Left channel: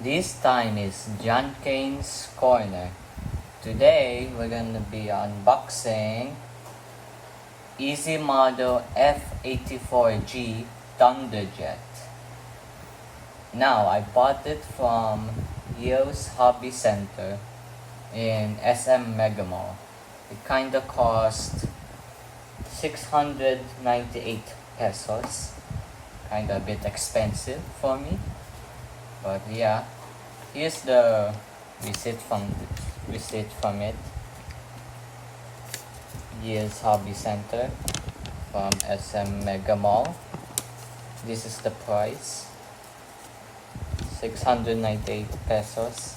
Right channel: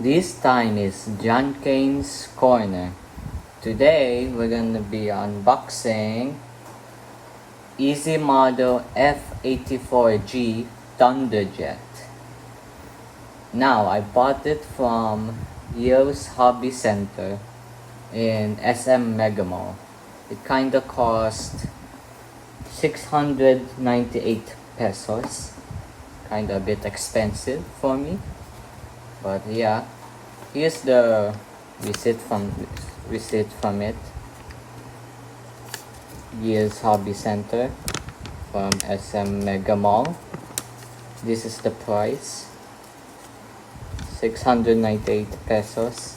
This time is John Kane's Corner. Today we're gonna be unboxing Easy Model F-84G Thunderjet. Now I bought it from Yo's Hobby Center in SM Mega Mall. It kinda cost 698 pesos. Kinda a bit expensive for me. But yeah, here's the receipt from it. Year's Hobby Center from SM Mega Mall. This is the price, 698 pesos.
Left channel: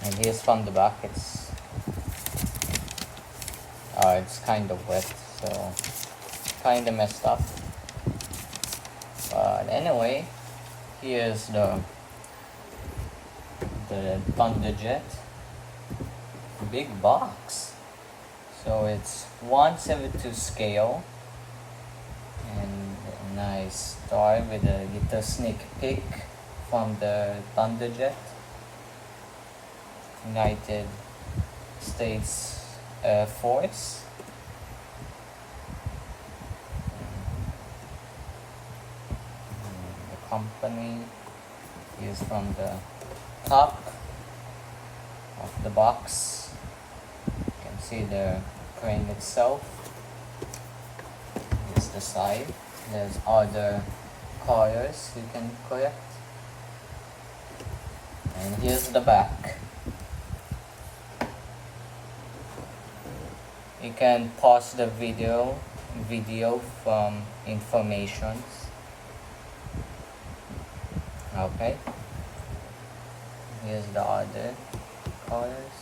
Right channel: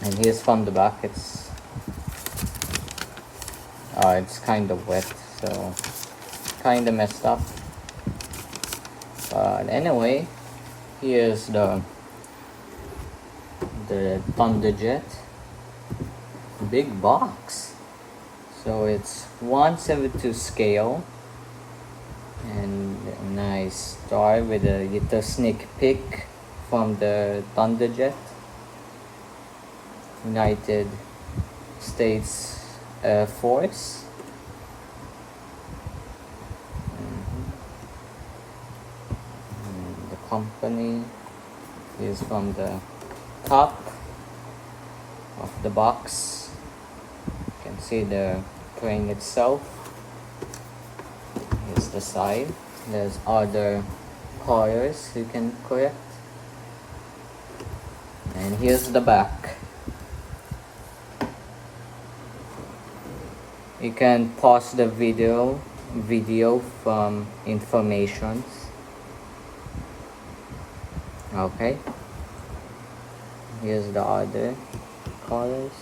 And here's from the back. It's kind of wet, so kind of messed up. But anyway, here's the Thunderjet. Big box. So it's 1/72 scale. And a nice toy with a little sneak peek from the Thunderjet. United States Air Force. The company is from the top of the box. You can see the crane itself. Here's the side. There's other colors you can collect. And here's the back. You can pause the video from informations. Okay. Here's the other colors.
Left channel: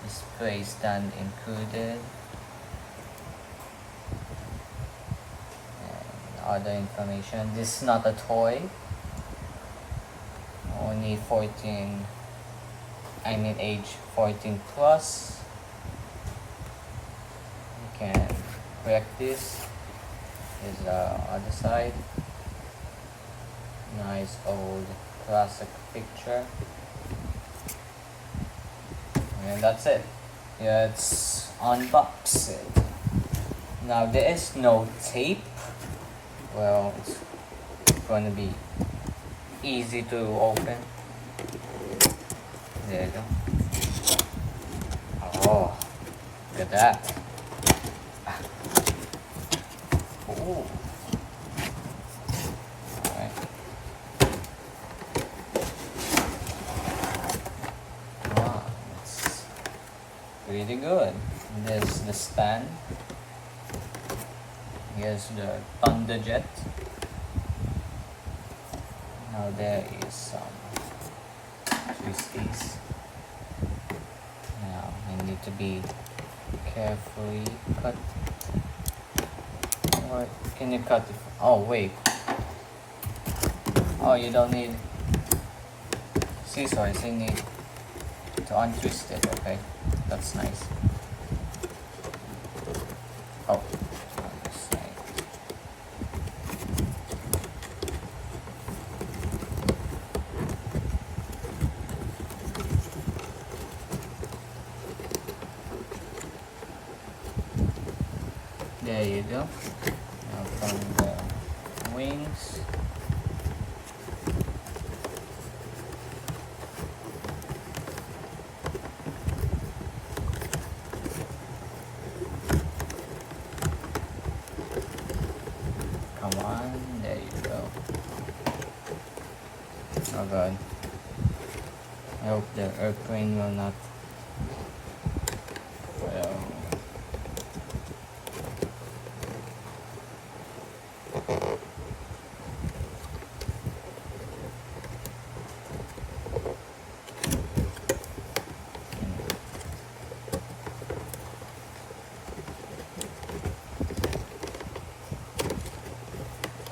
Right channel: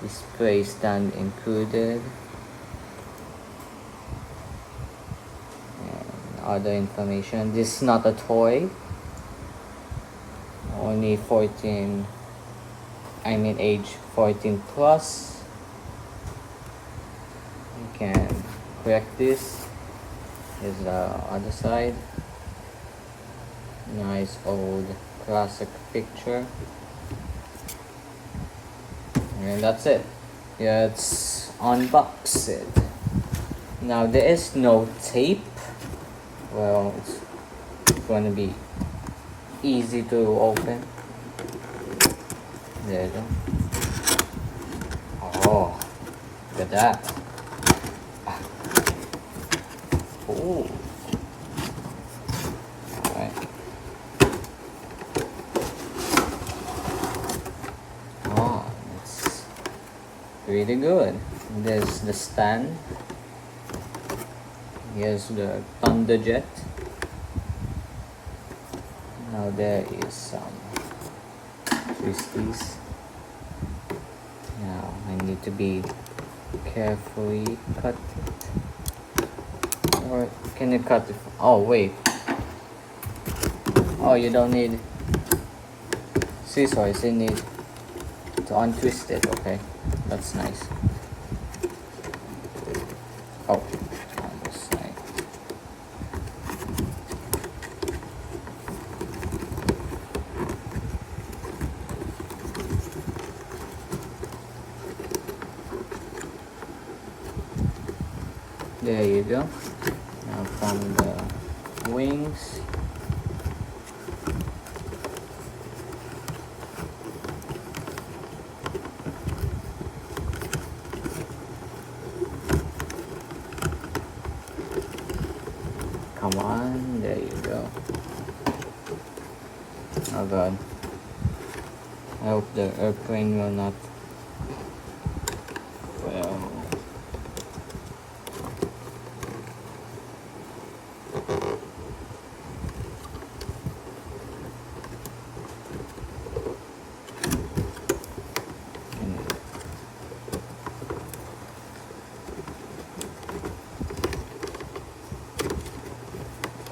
Display stand included. And other information. This is not a toy. Only age 14 plus. You can correct this. Here's the other side. Nice old classic picture. And that's it. Yeah, it's unbox it. Now there is no tape. Well, it's going to be easy to open. There you go. Oh, look at that. Oh. Alright. Wow, that's really good. There's the stand. Here's the Thunderjet. Now there is some twisties. Now I need to be carefully cut. Or can you cut it? Oh wait. Oh, you don't need scissors. You need to untwist it. Okay, that's nice. Oh. There you go. Now from the wings. Come on, there you go. Oh god. I hope the airplane will not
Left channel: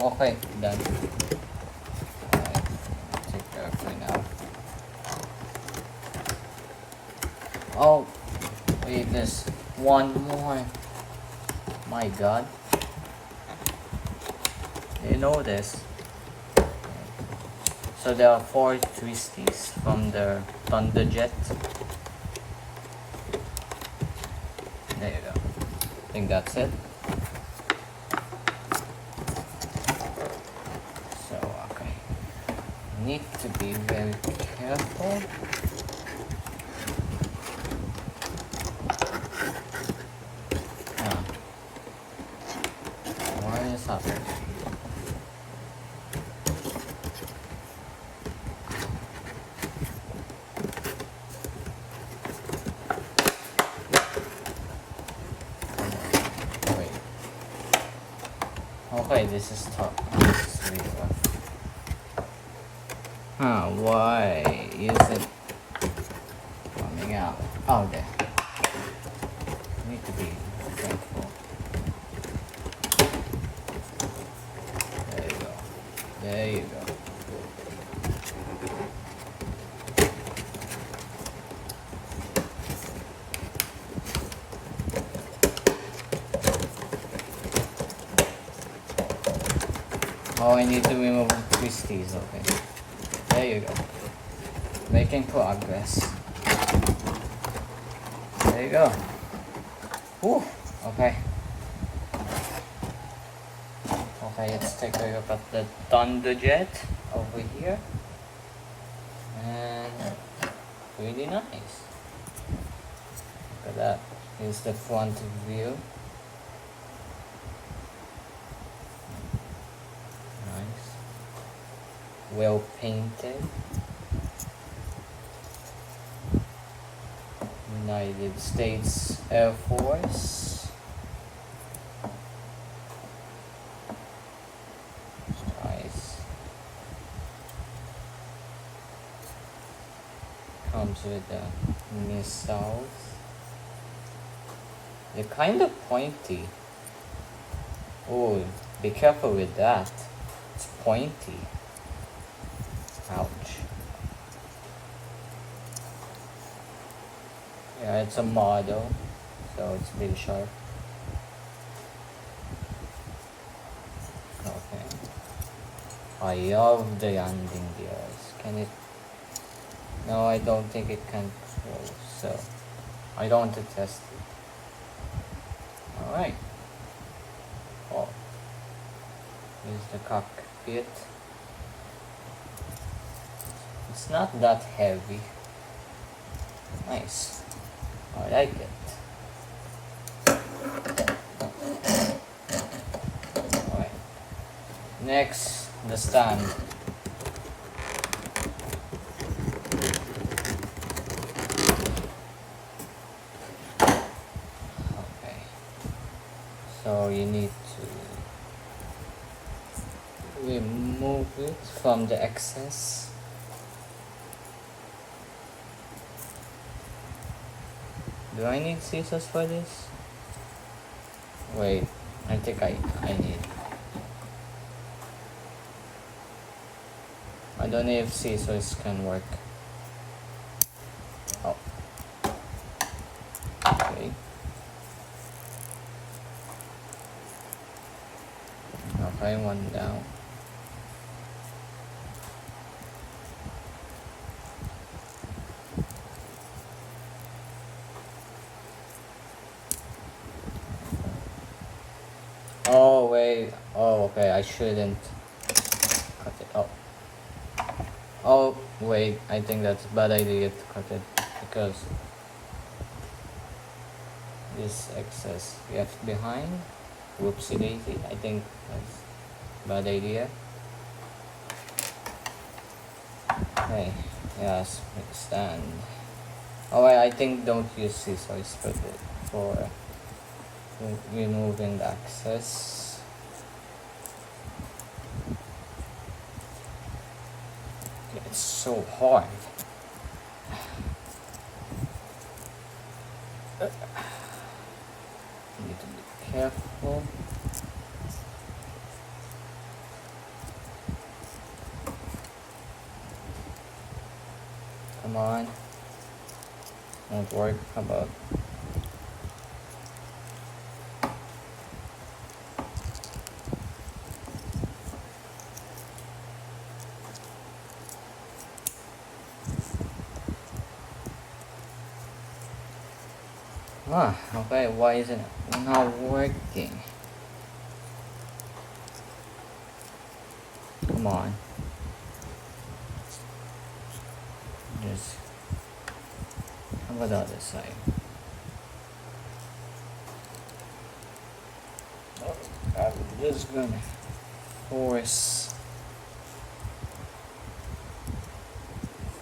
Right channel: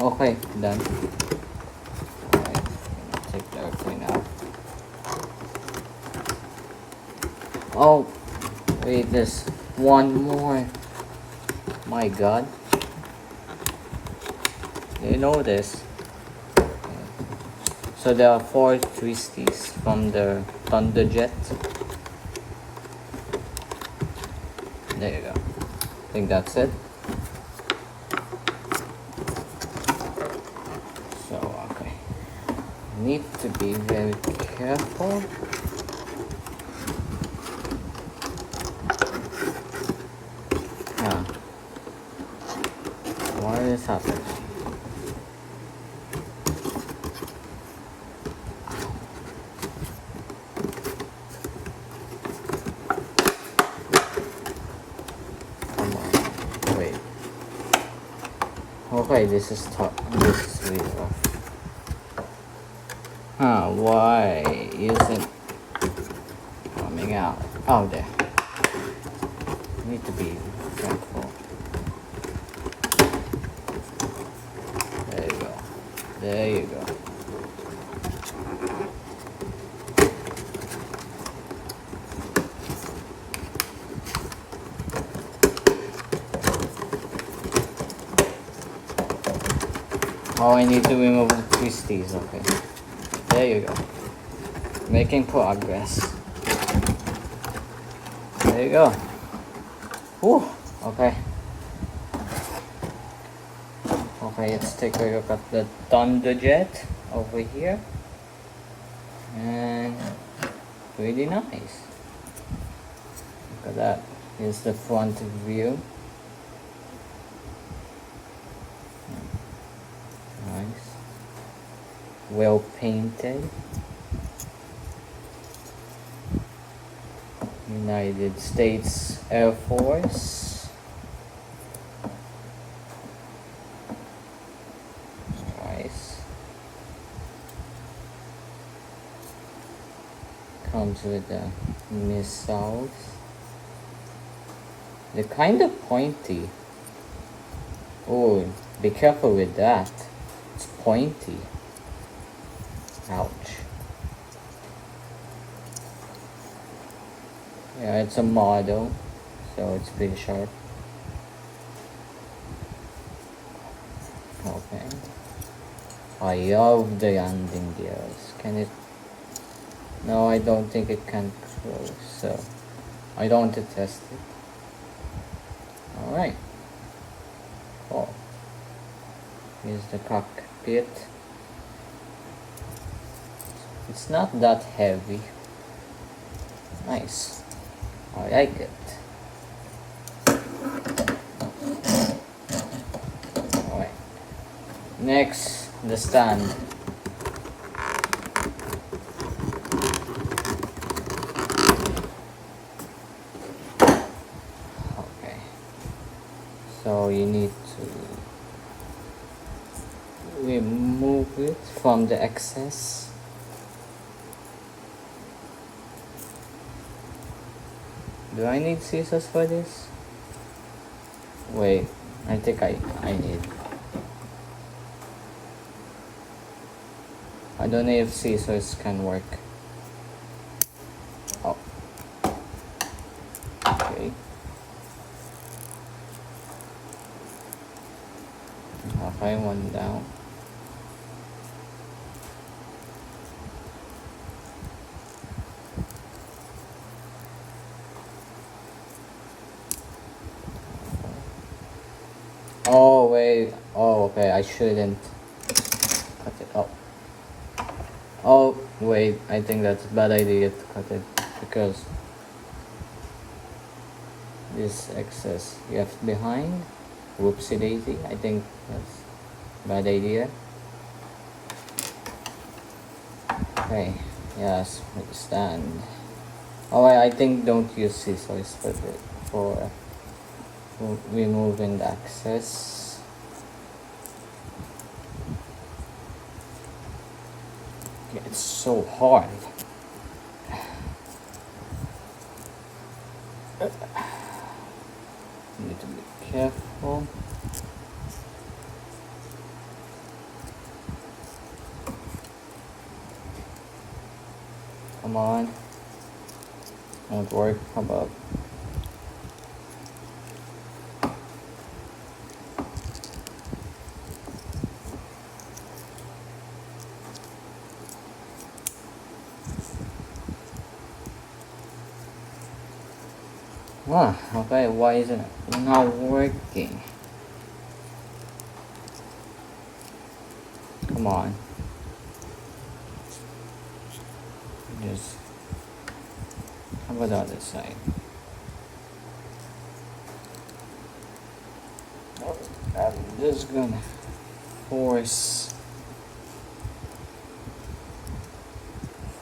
Okay, done. Take the airplane out. Oh, wait, there's one more. My god. You know this. So there are 4 twisties from the Thunderjet. There you go. I think that's it. So, okay. Need to be very careful. Yeah. What is happening? Okay, this is tough. This is lethal. Huh, why isn't coming out? Oh, there. Need to be careful. There you go. There you go. Oh, I need to remove the twisties, okay. There you go. Making progress. There you go. Whew, okay. Okay, let's take a look at the Thunderjet over here. And pretty nice. Look at that. Here's the front view. Well painted. United States Air Force. Nice. Comes with the missiles. They're kind of pointy. Oh, be careful with that. It's pointy. Ouch. Yeah, it's a model, so it's pretty sharp. Okay. I love the landing gears. Can it? No, I don't think it can close, so I don't want to test it. Alright. Cool. Here's the cockpit. It's not that heavy. Nice. I like it. Alright. Next, the stand. Okay. So you need to remove it from the excess. Do I need scissors for this? Wait, I think I need. I don't know if scissors can work. Oh. Okay. Okay, one down. Oh wait, oh okay, I shouldn't cut it up. Oh wait, I think that's a bad idea to cut it because this excess left behind. Whoopsie daisy, I think that's a bad idea. Okay, yes, stand. Oh I think don't use scissors for removing the excess. It's so hard. Need to be careful. Come on. Won't work. How about? Ah, okay, why isn't it not working? Come on. Just, how about the other side? I'm just gonna force.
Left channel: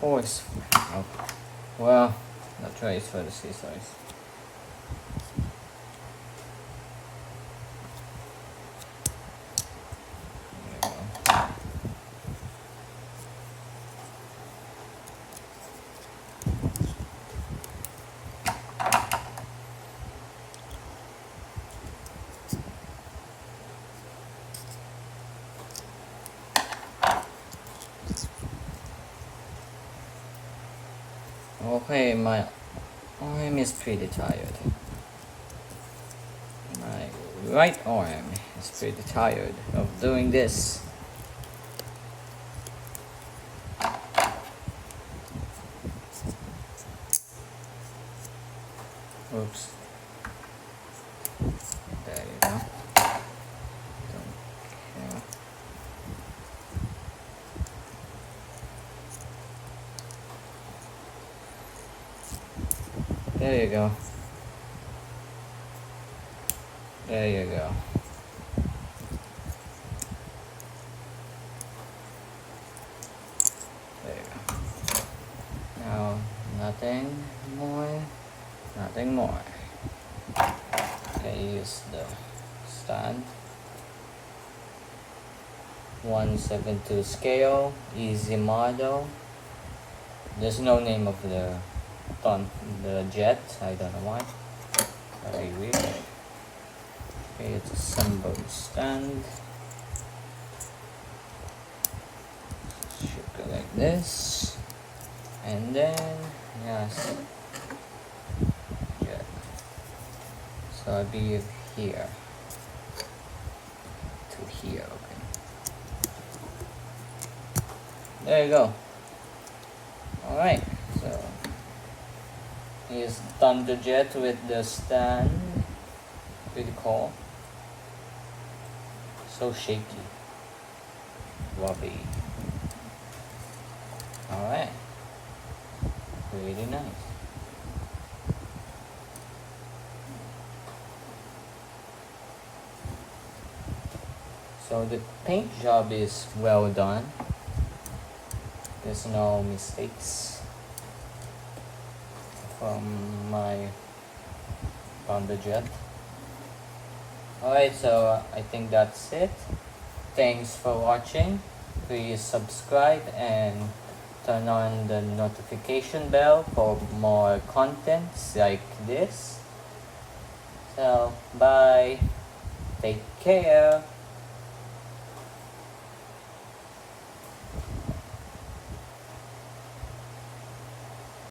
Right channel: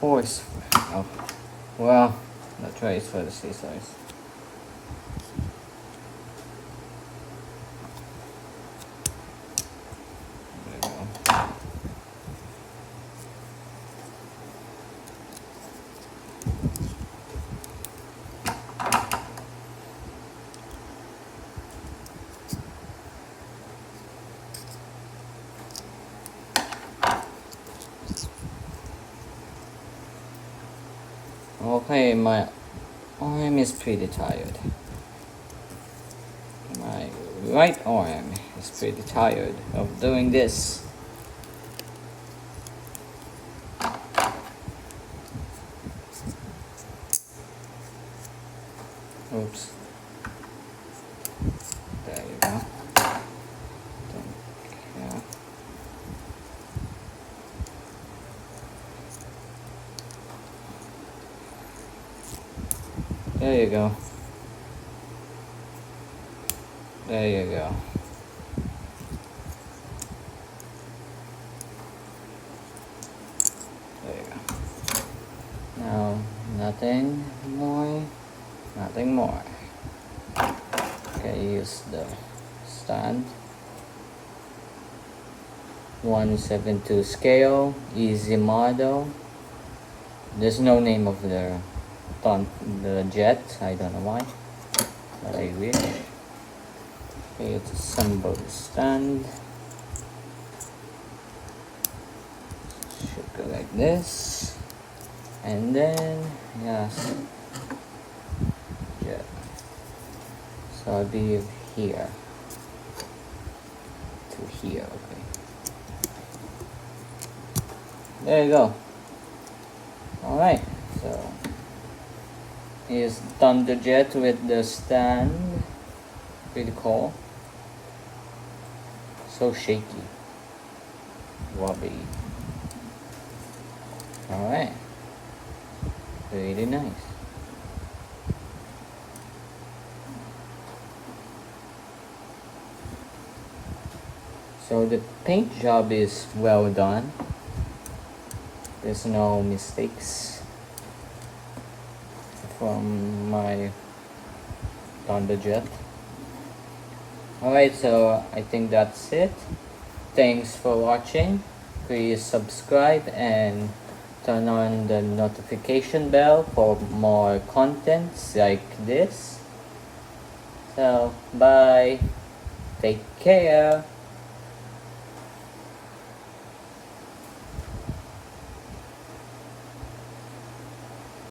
Oh, well, the try is for the scissors. Okay, my arm is pretty tired. My right arm is pretty tired of doing this. Oops. There you go. Yeah. There you go. There you go. There you go. Now, nothing more. Nothing more. Okay, use the stand. 1/72 scale, easy model. There's no name of the jet. I don't know why. Very weird. Okay, it's assemble the stand. Should go like this, and then yes. So I'll be here to here, okay. There you go. Alright, so here's Thunderjet with the stand. Pretty cool. So shaky. Wobbly. Alright. Really nice. So the paint job is well done. There's no mistakes from my Thunderjet. Alright, so I think that's it. Thanks for watching. Please subscribe and turn on the notification bell for more contents like this. So, bye. Take care.